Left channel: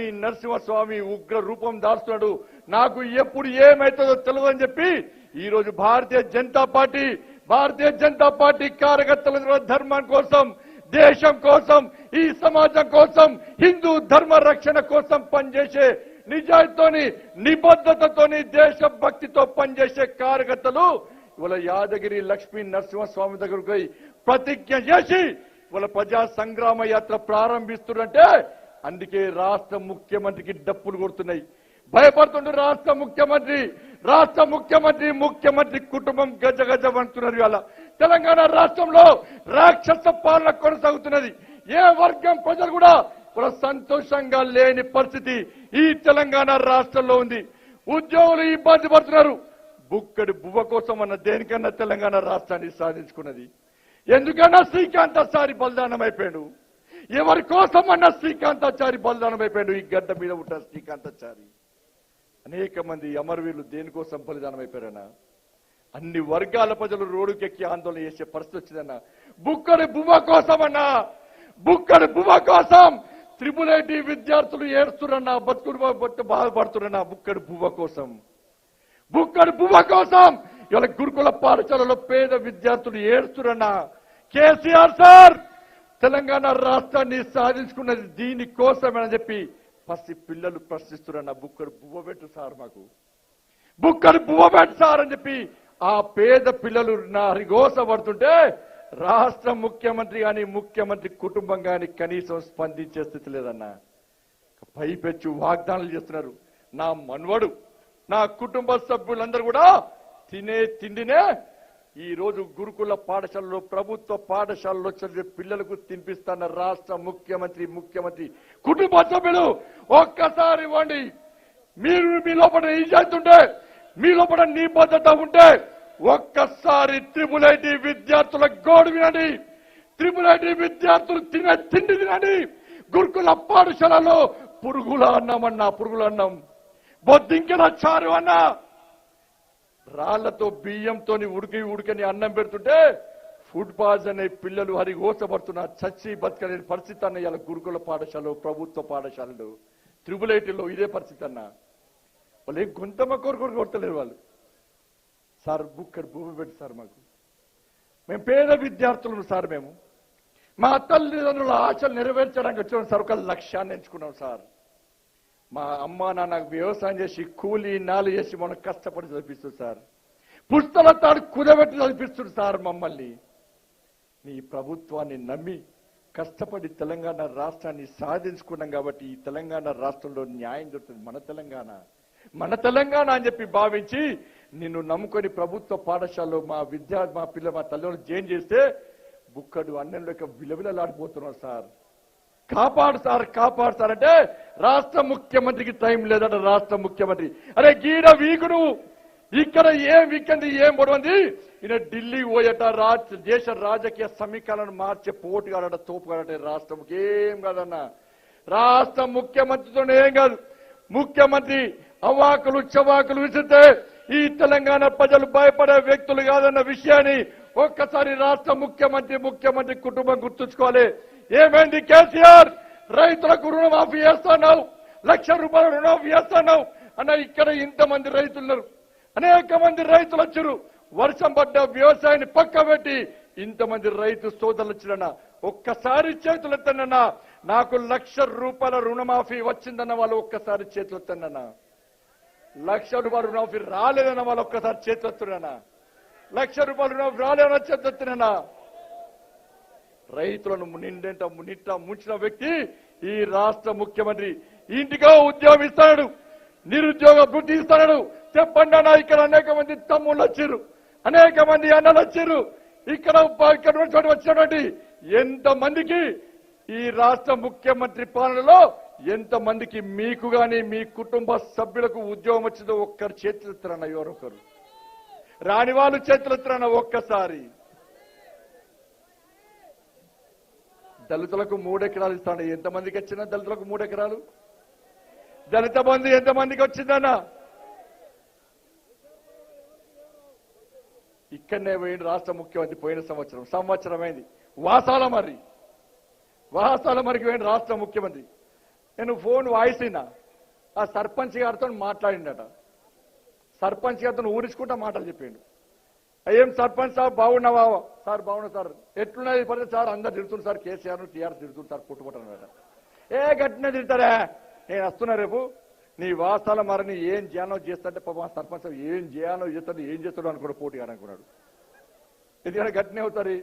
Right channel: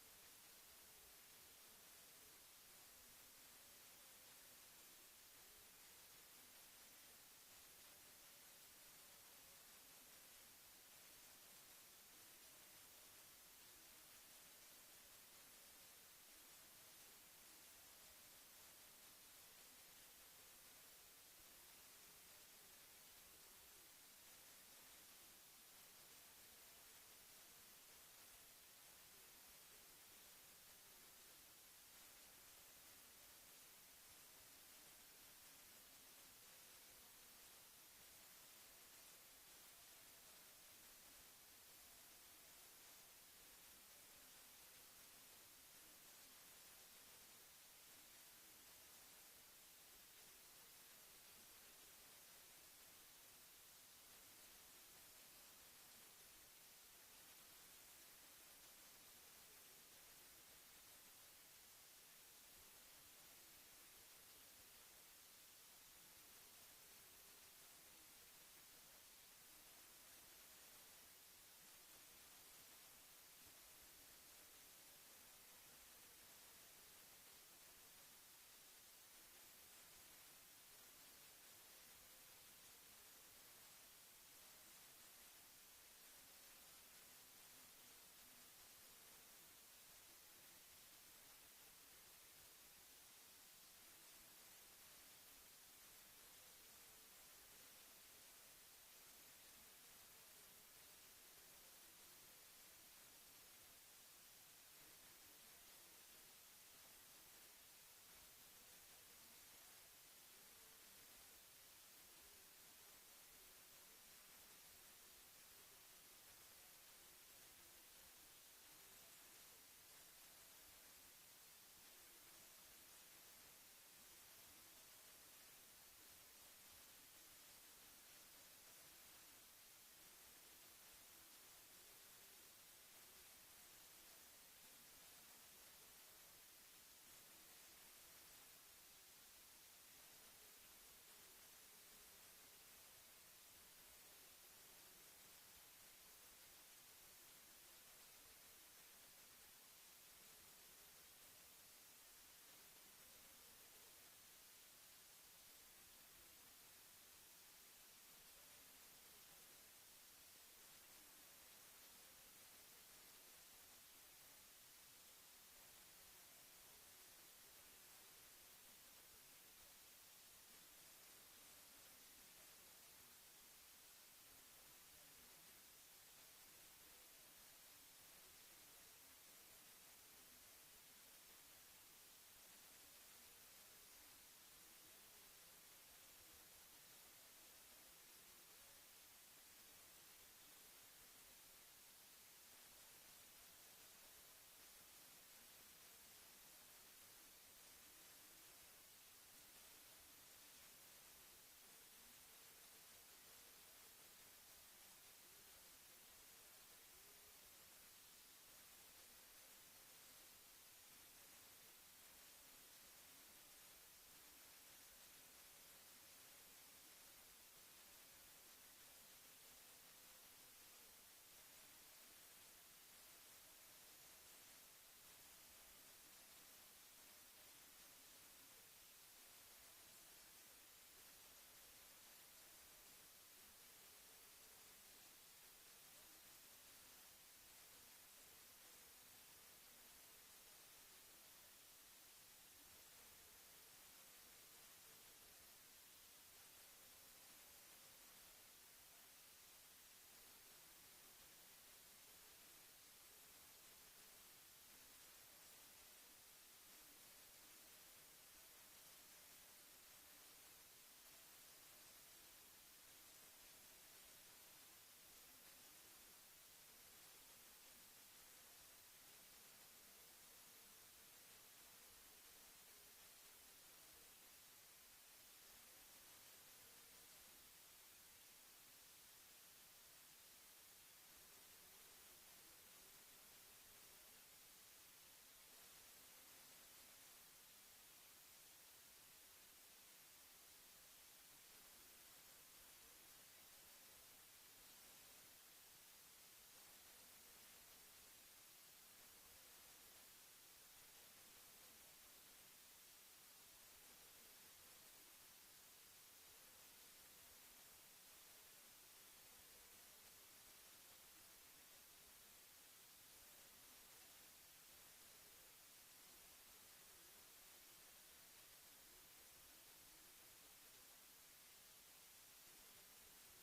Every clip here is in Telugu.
లక్ష్మీ నరసింహస్వామి ఉగ్ర రూపం దాస్తున్నాడు. నాకు ఎప్పుడు ఏమైతుందో తెలియదని చెప్పి ఈ రోజు భారతీయ జనతా పార్టీ కార్యకర్తల ధర్మం కోసం, దేశం కోసం, ఈ సమాజం కోసం, హిందూ ధర్మ రక్షణ కోసం పనిచేసే నిజాయితీతోని, నిబద్ధతతోని, దేశభక్తితో పనిచేసే కార్యకర్తలు ఇవాళ యాదగిరి లక్ష్మీ నరసింహస్వామి దగ్గరకు పోయి ప్రతిజ్ఞ చేసి ఇవాళ ప్రజా సంగ్రామ యాత్ర ప్రారంభిస్తున్నారంటే అందుకే రాష్ట్ర ముఖ్యమంత్రికి డప్పులు కొడుతున్నాయి. భయపడుతుండే ముఖ్యమంత్రి కుటుంబం గజ అంటున్నారు. ఇవాళ తెలంగాణ రాష్ట్రంలో రాక్షస పాలన కొనసాగుతున్నది. ఏ వర్గం ప్రజలు కూడా సంతోషంగా లేని పరిస్థితి ఈ తెలంగాణ రాష్ట్రంలో ఉంది. ఉద్యోగులు ఇబ్బంది పడుతున్నారు. బుక్కడి బువ్వ కోసం అన్న దేనికన్నా తెలంగాణ రాష్ట్రాన్ని సాధించుకున్నది. ఎందుకన్నా శ్రీకాంతాచారి బలిదానం అయిపోయాడు. ఎవరి కోసం అన్న శ్రీకాంతాచారి బలిదానం అయిపోయాడు. ఈ గడ్డ మీద ఉంటారు శ్రీకాంతాచారి. అనేక మంది అమరవీరులు దేనికోసం బలిదానం అయిపోయారన్నా. అన్ని వర్గాల ప్రజలు రోడ్డుకెక్కి ఆందోళన చేసే పరిస్థితి వచ్చిందన్న. బుక్కడి బువ్వ కోసం అన్నా, బుక్కడి బువ్వ కోసం త్రిపుల్ ఐటీ విద్యార్థులు ఏడుస్తున్నా, బతుకుడు బాధపడుతున్నా. బుక్కడి బువ్వ కోసం ఇవాళ గురుకుల పాఠశాలలో పేద విద్యార్థులు ఏడుస్తున్నా. కేసీఆర్ సార్ తెలంగాణ రాష్ట్రాన్ని సాధించుకున్నది దీనికోసమని చెప్పి పసి పిల్లలు ప్రశ్నిస్తున్నా. బుక్కడు బువ్వ పెట్టు సార్, మాకు బుక్కడు బువ్వ పెట్టు సార్ అని చెప్పి ఆ పేద పిల్లలు హరిఘోష పడుతుంటే రాష్ట్ర ముఖ్యమంత్రి కానీ, ముఖ్యమంత్రి కుటుంబం కానీ కనీసం స్పందించే స్థితి లేదన్నా. పైపెచ్చు వాగ్దానాలు చేస్తున్నారు. నా మనవడు, నా కుటుంబ సభ్యులందరూ కూడా తినే తిండినే ఈ రోజు గురుకుల పాఠశాలలో, ప్రభుత్వ పాఠశాలలో చదివే పిల్లలకు తినిపిస్తున్న రాష్ట్ర ముఖ్యమంత్రి కుటుంబ సభ్యులు ఒక్కసారి ఇవ్వండి. మీరు మీ లోపల నిజాయితీ ఉంటే, మీ లోపల నిబద్ధత ఉంటే ఒక్కసారి త్రిపుల్ ఐటీ విద్యార్థుల గోడు వినండి. త్రిపుల్ ఐటీ విద్యార్థులు తినే తిండి తినండి. గురుకుల పాఠశాలలో పురుగుల అన్నం, బొద్దింకల చారు అన్న, రాళ్లతో బియ్యంతో ఉడికని అన్నం పెడుతుంటే ఫుడ్ పాయిజన్ అనే పిల్లలు హరిఘోషపడుతున్న చచ్చి బతకలేని పరిస్థితి అన్న. ఇలా గురుకుల పాఠశాలలో, ప్రభుత్వ పాఠశాలలు, త్రిపుల్ ఐటీలో ఇదే పరిస్థితి అన్న. వాళ్ళు ఏం గొంతమ్మ కోరుకోరు కొట్టలేరు వాళ్ళు. సార్ బుక్కడు భూమి పెట్టి సార్, మేము పేద విద్యార్థులను సార్, మేము మా తల్లిదండ్రుల ఆశలు నెరవేర్చడానికి వచ్చాం సార్. ఒక లక్ష్యాన్ని ఎంచుకున్నాం సార్. మా అమ్మ నాన్న వ్యవసాయం చేసి కూలీ నాలు చేసి మనం కష్టపడి చదివిస్తుంది సార్. పుస్తకాల తాడు కుదబెట్టి చదివిస్తుంది సార్ మమ్మల్ని. నీ ప్రభుత్వాన్ని నమ్మి కష్టపడి తెలంగాణ రాష్ట్రాన్ని సాధించుకున్నాం కాబట్టి ఈ తెలంగాణ రాష్ట్రంలో న్యాయం దొరుకుతుంది. మన తెలంగాణ అని చెప్పి భావించి నిన్ను నమ్ముకొని ప్రభుత్వ పాఠశాలలో మా తల్లిదండ్రులు జాయిన్ చేస్తే బుక్కడు అన్నంలోకి విలవిలలాడిపోతున్నాం సార్. కాపాడు సార్ అంటే రాష్ట్ర ముఖ్యమంత్రికి టైం లేదంట. రాష్ట్ర ముఖ్యమంత్రి అరే గీడ వీకుడు ఇక్కడ ఏం వీకంది, ఏం పొడవంది. ఈయన ఢిల్లీ పోయట దేశ రాజకీయ సమీకరణను మార్చే పోటుగాడట, తోపుగాడట. రాష్ట్రంకి ఏం కాదన్నా. రాష్ట్ర ముఖ్యమంత్రితో ఏం కాదు. ముఖ్యమంత్రి అవాకులు చవాకులు విసిరితే ఈ తెలంగాణ ప్రజలు భయపడే వ్యక్తులు కాదన్న విషయాన్ని ఒక్కసారి రాష్ట్ర ముఖ్యమంత్రి కుటుంబం గుర్తుంచుకోవాలి. ఏమైంది కేసీఆర్? రైతులకు రుణమాఫీ చేస్తున్నావు, ₹1,00,000 రుణమాఫీ చేస్తున్నావు అన్న. ఇక్కడ ఇంతమంది రైతులున్నారు, అనేక మంది రైతులు వచ్చారు. వర్షం పడ్డ వ్యవసాయాన్ని పక్క పెట్టి ఇంతమంది రైతు సోదరులు వచ్చిరన్న. ఒక్కసారి చేతులు ఎత్తనన్నా. నాకు ₹1,00,000 రుణమాఫీ వచ్చిందన్న వాళ్ళు ఒక్కసారి చేతులు ఎత్తనన్నా. ₹1,00,000 రుణమాఫీ రాలేదన్న వాళ్ళు ఒక్కసారి చేతులు ఎత్తున్నా. ₹1,00,000 రుణమాఫీ రాలేదన్న చేతులు ఎత్తున్నా. రైతులను నింట ముంచిన వ్యక్తి ఈ రాష్ట్ర ముఖ్యమంత్రి. ఇంటిగా ఉద్యోగం ఇస్తాడు, నిరుద్యోగ వృత్తి ఇస్తాడు. చెప్పండి అన్న, ఇక్కడ అనేక మంది తమ్ముళ్ళు వచ్చారు, అనేక మంది అన్నలు వచ్చారు. ఇక్కడ వచ్చినటువంటి ఎంతమందికి ఈ రాష్ట్ర ముఖ్యమంత్రి పాలనలో ఎంతమందికి మీకు గాని మీ కుటుంబ సభ్యులకు ఉద్యోగం వచ్చిందో ఒక్కరు చేతులు ఎత్తురన్న. ఎవరొకరు రాని వాళ్ళు చేతులు ఎత్తురన్న. ఒక్కసారి దళితులకు 3 ఎకరాలు ఇస్తాను. ఎంతమందికి వచ్చినా దళితులకు 3 ఎకరాలు? దళిత బంధు ఎంతమందికి వచ్చిందన్నా? ఇక్కడనే పోయింది రాష్ట్ర ముఖ్యమంత్రి. పోయిన సంవత్సరం అయింది. వాసాల మరికి పోయిన రాష్ట్ర ముఖ్యమంత్రి. నేను ఫోన్ వాయిస్ అయినా ఆ సర్పంచ్ గారితో మాట్లాడిండట. సర్పంచ్ గారితో ఊరించుకుంటా మాటలు చెప్పిండు. ఏం సర్పంచ్ సార్ బాగున్నావా? సార్ బాగున్నా సార్. ఎట్లున్నది పరిస్థితి సార్? అందరు తిడుతుంది సార్, కేసీఆర్ టీఆర్ఎస్ తిడుతుంది సార్, పుట్టుకుంటున్నారట. ఏ గట్టిన తిడతారా? నేను వస్తున్నా రేపు నీ వాస్తాల మరని ఏం చేయాలో చేస్తాంటే పాపం సర్పంచ్ ఏం చేయాలో చేస్తాడు, ఏం చేస్తాడు అనుకున్నాడు, పోటీ అనుకున్నాడు. ఎందుకంటే గట్టినే అవుతారు.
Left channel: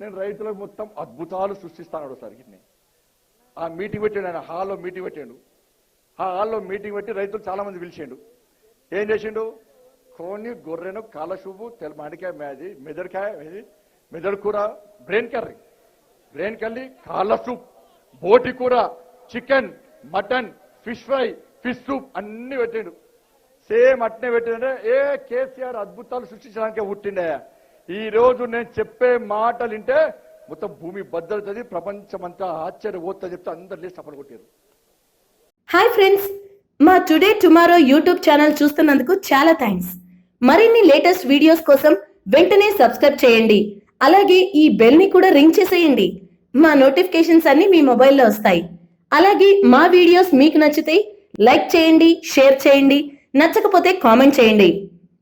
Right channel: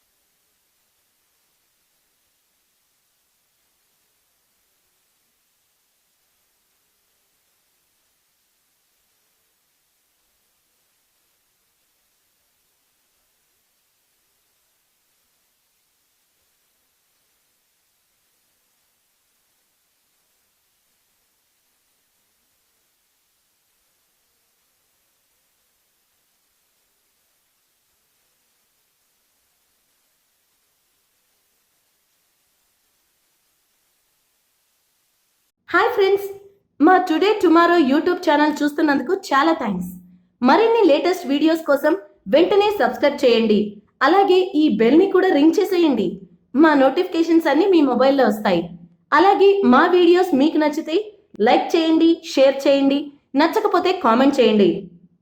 నేను రైతులకు మొత్తం అద్భుతాలు సృష్టిస్తాను సార్. గిట్ని ఆ మీటింగ్ పెట్టాడు, ఆయన హాల్లో మీటింగ్ పెట్టాడు. ఆ హాల్లో మీటింగ్ పెట్టి రైతులు చాలా మంది పిలిచిండు. ఏం చేసిండు? కోని, గొర్రెను, కాలశుభు, మామిడికాయ, మెదడుకాయ, మెదడు కూర, బ్రెయిన్ కర్రీ, కాళ్ళ సూప్, బోటి కూర, chicken, mutton, fish fry, fish soup అన్ని పెట్టిండు. సేమ్ అట్నే పెట్టిండే. కేసీఆర్ అద్భుతాలు సృష్టించడానికే పుట్టిండే. ఈ రోజు నేను చెప్పే మాటలు వింటే మొత్తం భూమి బద్దలుతుంది, ప్రపంచమంతా ఆశ్చర్యపోతుంది చెప్తే అందరు లేచి సపోర్ట్ కొట్టారు. హాయ్ ఫ్రెండ్స్, మా టుడే టుమారో యూట్యూబ్ ఛానల్ చూస్తున్నందుకు చాలా థ్యాంక్స్. మరిన్ని లేటెస్ట్ వీడియోస్ కోసం వెంటనే సబ్స్క్రైబ్ చేయండి. అలాగే ఈ బెల్ ని కూడా రింగ్ చేసేయండి. మా నోటిఫికేషన్స్ అన్ని మీ మొబైల్లో వస్తాయి. అలాగే మా వీడియోస్ మీకు నచ్చితే లైక్ చేయండి, షేర్ చేయండి, నచ్చకపోతే కామెంట్ చేయండి.